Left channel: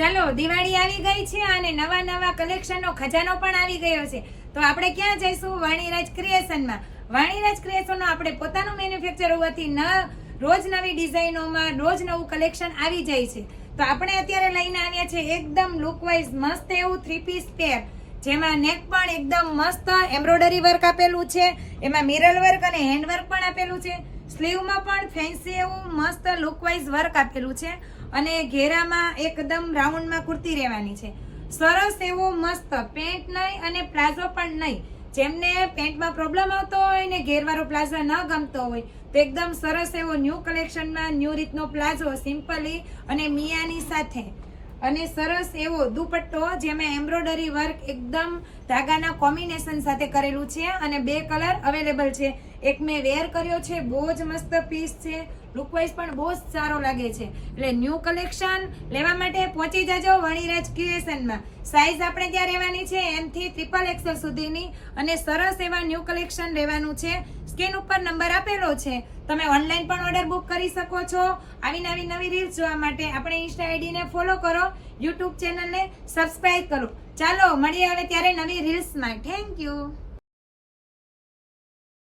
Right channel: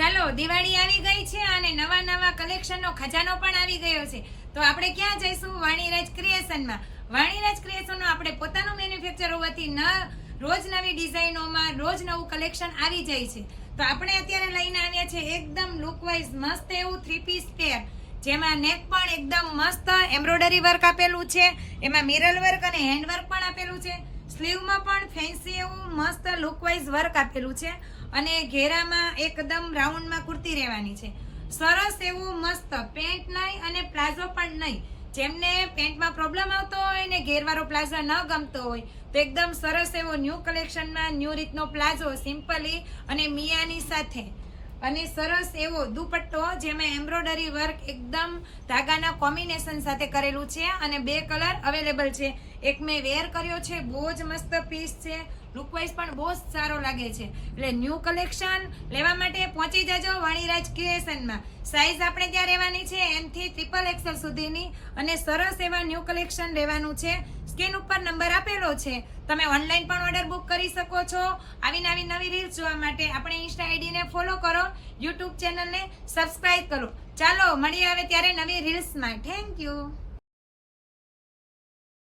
ચાલો દિવાળી આવી ગઈ છે અને નવા નવા કલેક્શનનો ખજાનો પણ આવી ગયો છે. તો આપણે ક્યાં જઈશું? વાણીરાજ ક્રિએશનમાં. વાણીરાજ ક્રિએશનનો આપણે પોતાનું મેન્યુફેક્ચર હોવાથી રોજ નવી ડિઝાઇનોમાં રોજ નવું કલેક્શન આવી જાય છે. તો આપણે અત્યારે લઈને આવ્યા છે એકદમ લુકવાઇઝ મસ્ત એવું 3 પીસ પેર, જેમાં નેક પણ એકદમ મસ્ત એમ્બ્રોઇડરી વર્ક આપેલું છે, એમાં મિરર વર્ક અને હેન્ડ વર્ક પણ આપેલું છે. સ્લીવમાં પણ ફેન્સી એવું મસ્ત લુકવાઇઝ વર્ક આપેલું છે અને ઘેરામાં એકદમ રાઉન્ડમાં કુર્તી રહેવાની છે. સરસ એવું મસ્ત પેન્ટ નહીં અને પ્લાઝો પણ નહીં. જેમને પેન્ટમાં પ્રોબ્લેમ આવતો હોય ને ઘેરવાળો પ્લાઝો ન ગમતો હોય તો એકદમ સરસ એવો ન્યૂ કલેક્શનમાં ન્યૂ રીતનો પ્લાઝો સિમ્પલી અને મિયાની સાથે અને સરસ એવો દુપટ્ટો જેમાં એમ્બ્રોઇડરી વર્ક એકદમ ધાગાના કોમ્બિનેશન સાથે કરેલું છે અને 2 કલર અવેલેબલ છે. એક મેં વેર કર્યો છે, બહુ જ મસ્ત પીસ છે, લુકવાઇઝ પણ બહુ જ સારો લાગે છે. એટલે ન્યૂ કલેક્શન લેવા માટે પહોંચી જજો વાણીરાજ ક્રિએશનમાં. સાઈઝ આપણે ત્યાં રહેવાની છે M થી XXL સુધીની અને સરસ એવા ન્યૂ કલેક્શન લેવાનું છે. સ્ક્રીન ઉપર નંબર આપેલો છે, તમે ઓનલાઈન પણ ઓર્ડર બુક કરી શકો છો. આવી નવી રીલ્સ જોવા માટે આપણે ઇન્સ્ટા આઈડીને ફોલો કરો, યુટ્યુબ ચેનલને સબસ્ક્રાઇબ કરો. ચાલો મળીએ હવે ત્યારે નવી રીલ્સમાં. Thank you.